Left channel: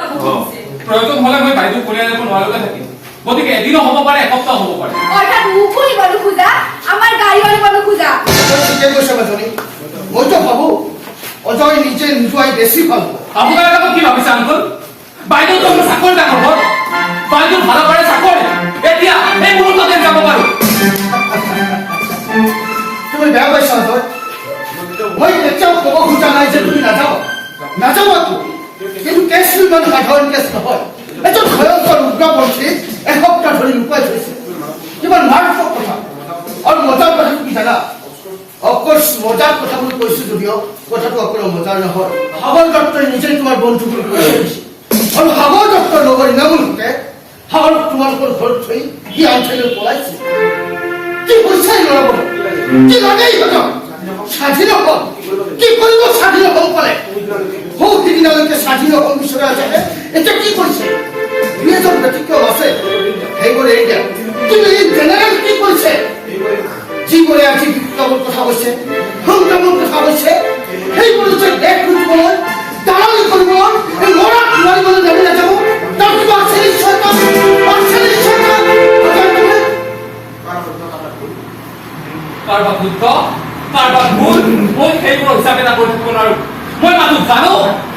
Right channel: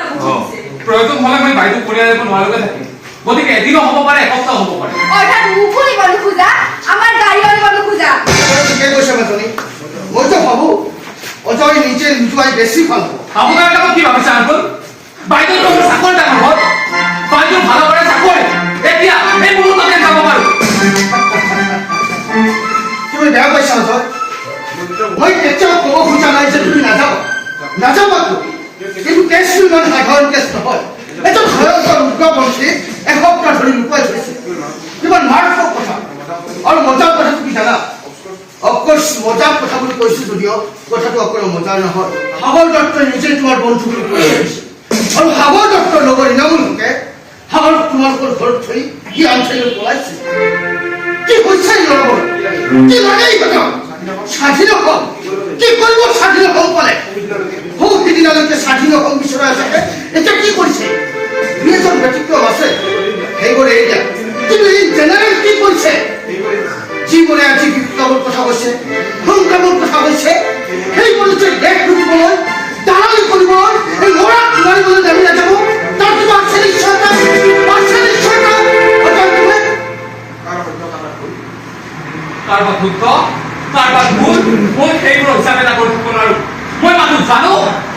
প্ৰয়োজন হলে মই বাইদেউ কৰি আনিব নোৱাৰালৈকে থাকিম গতিকে এদিনো হ'ব পাৰে এসপ্তাহ হ'ব পাৰে অৰ্থাৎ মুখুনি বন্ধ খোজা আমাৰ গাড়ী অলি বন্ধ খোজা ঠিকে কৈছে মাজনী মইতো ভাবো অজয় নিজে নোযোৱাই বেছি ভাল আপোনাৰ কথা কি ভাবিছে আংকুল বাইদেউ তো মোৰ চাকৰি ডাঙৰ হ'ল বাইদেউ ভাল কৰে চাকৰি এতিয়া এই মুহূৰ্ততে যাব পাৰো তুমি বেয়া কৈছা অজয় মই কেতিয়াও ক'ব খোজা নাই যে তুমি নাযাবা কিন্তু কেছটো ইমান সাধাৰণ কেছ নহয় এজন ভয়ংকৰ উগ্ৰপন্থী এসপ্তাহ ধৰি লুকুৱাই থৈছে কিমান মাৰাত্মক কথা আৰু মজাৰ কথা তুমি জানা অফকোৰ্স মজাৰ কথা বুলি কৈছো যদিও কথাটো অকণো মজাৰ নহয় সাগৰ দত্তই নিজে তোমাৰ বন্ধু বুলি কৈ আহিছে আৰু সাগৰ দত্তৰ লগৰ ইনামূলকে সাগৰক তোমালোকৰ ঘৰত থৈ সি আঞ্চলিক পলাইছে কি হৈছে লগৰ কি লাগে এই কথা স্বাধীন হল কি কৰিব স্বাধীন হল পালে বহু দিনলৈকে স্বাধীন হল বিচৰা আছে এতিয়া কি কৰিছে দুই এজন ব্যতিক্ৰম আছে সেইবোৰে এৰি দিয়া কিন্তু এই জেনেৰেল কি কৰিছে যিবোৰে আজি বিপ্লৱৰ কথা কৈছে সংগ্ৰামৰ কথা কৈছে সেইবোৰে যে দেশ লুটিবলৈ দালালি কৰিবলৈ ল'ৰাক মাৰিবলৈ নামি নাযাব তাৰ কিবা আছে নিশ্চয় কাৰোবাৰ শুদ্ধ কাৰোবাৰ ভুল মই সেইবোৰ হিচাপে এটা কৰি থাকিব নোৱাৰো মই মানুহ জানো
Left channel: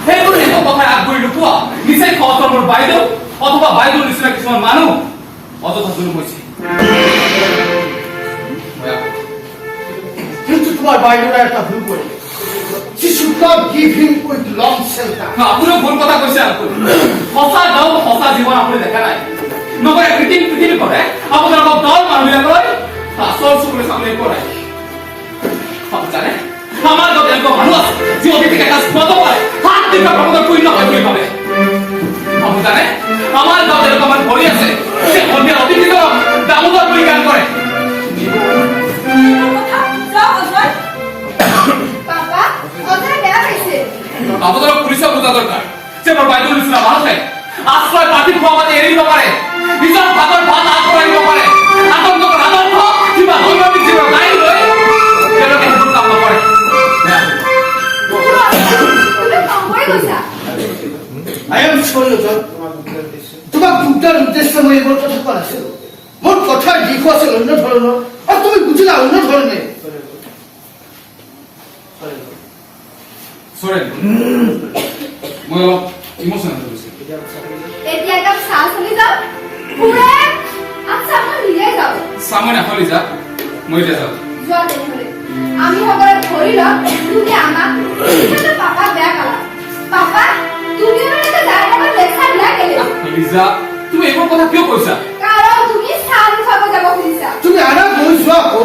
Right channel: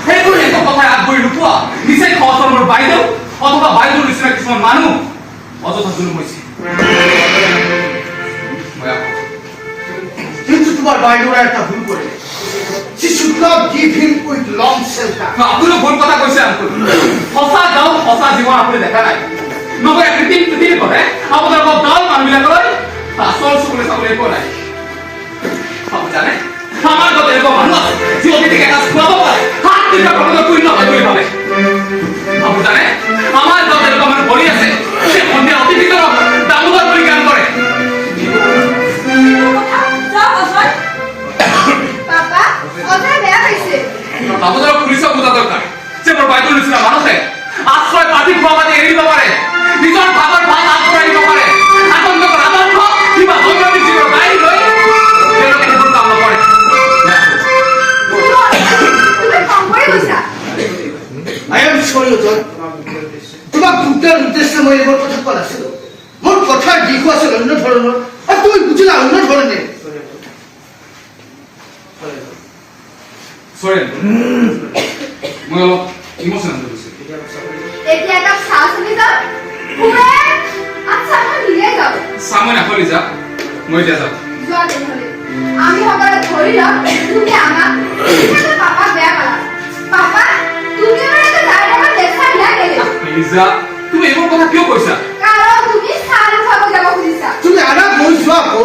সেইবোৰ একো কথা আগবঢ়ি নোপোৱা নিচেই সহজৰ মোৰ বাইদেউ অথবা বাইদেউৰ নিচিনা কিছুমান মানুহ অযথা জুলুম হৈছে কিন্তু তোমাৰ বাইদেউৰে এটা ভুল কৰে She should not give him with long shelter. আপুনিও ভুল কথা কৈছে আংকুল সঁচা গাঁও সঁচা জীৱন আপুনি দেখা নাই নগৰে কৃত্ৰিম পৃথিৱী কৰে আপোনালোকক গাঁৱৰ মানুহবিলাকৰ আচল চকুলে চাবলৈ একো নাই আপুনি জানে আমাৰ গাঁৱত এনেকুৱা মানুহ আছে যি অতিথিক এসাঁজ খুৱাব পাৰে হাত দিনৰ ভগতৰ পূৰ্ণ হয় বুলি ভাবে আপুনি জানে আমাৰ গাঁৱত এনেকুৱা মানুহ ভৰি আছে যে সন্ধিয়া অতিথিজনক দামোদৰ বুলি গান কৰে দামোদৰক পুলিচক বুজা দৰকাৰ যে মোৰ বাইদেউৰ নিচিনা মানুহে আশ্ৰয় পাতি খোৱা পাতি এৰি দিব পাৰে নিজৰ ভাগৰ ভাত আগবঢ়াই দিব পাৰে আতংকৰ আদৰ্শ কিবা সংগঠিত জীৱন নাই লৈ তেওঁলোকে সেইবোৰ কাম নকৰে I am sorry, John. তোমাক দুটাৰ উদ্দেশ্যে মই এইবোৰ কথা কোৱা নাছিলো মোৰ কথাৰ দিশো আছিল অন্য ধৰণৰ আৰু তুমি বুজিলা অন্য ধৰণে Sorry. মই অলপ ইমোশনাল হৈ গৈছো এতিয়া এটা চাহ চলি যাও পুৰে আচ্ছা মই নিয়ে যাও সামনে হলি যা মই যা যাও যোৱা তেনেহলে আমি সকলোৱে ধৰি লম তুমি আমাক তুমি পাপা বেয়া পালা পাপা তুমি মানে যাই আমাৰ দেখা দিয়া কেলে লিজা তুমি এইবোৰ কথা কিয় কৈছা কাৰণ তুমি চাহ খাব যাব খুজিছা তুমি আনা গৈ যোৱা আকৌ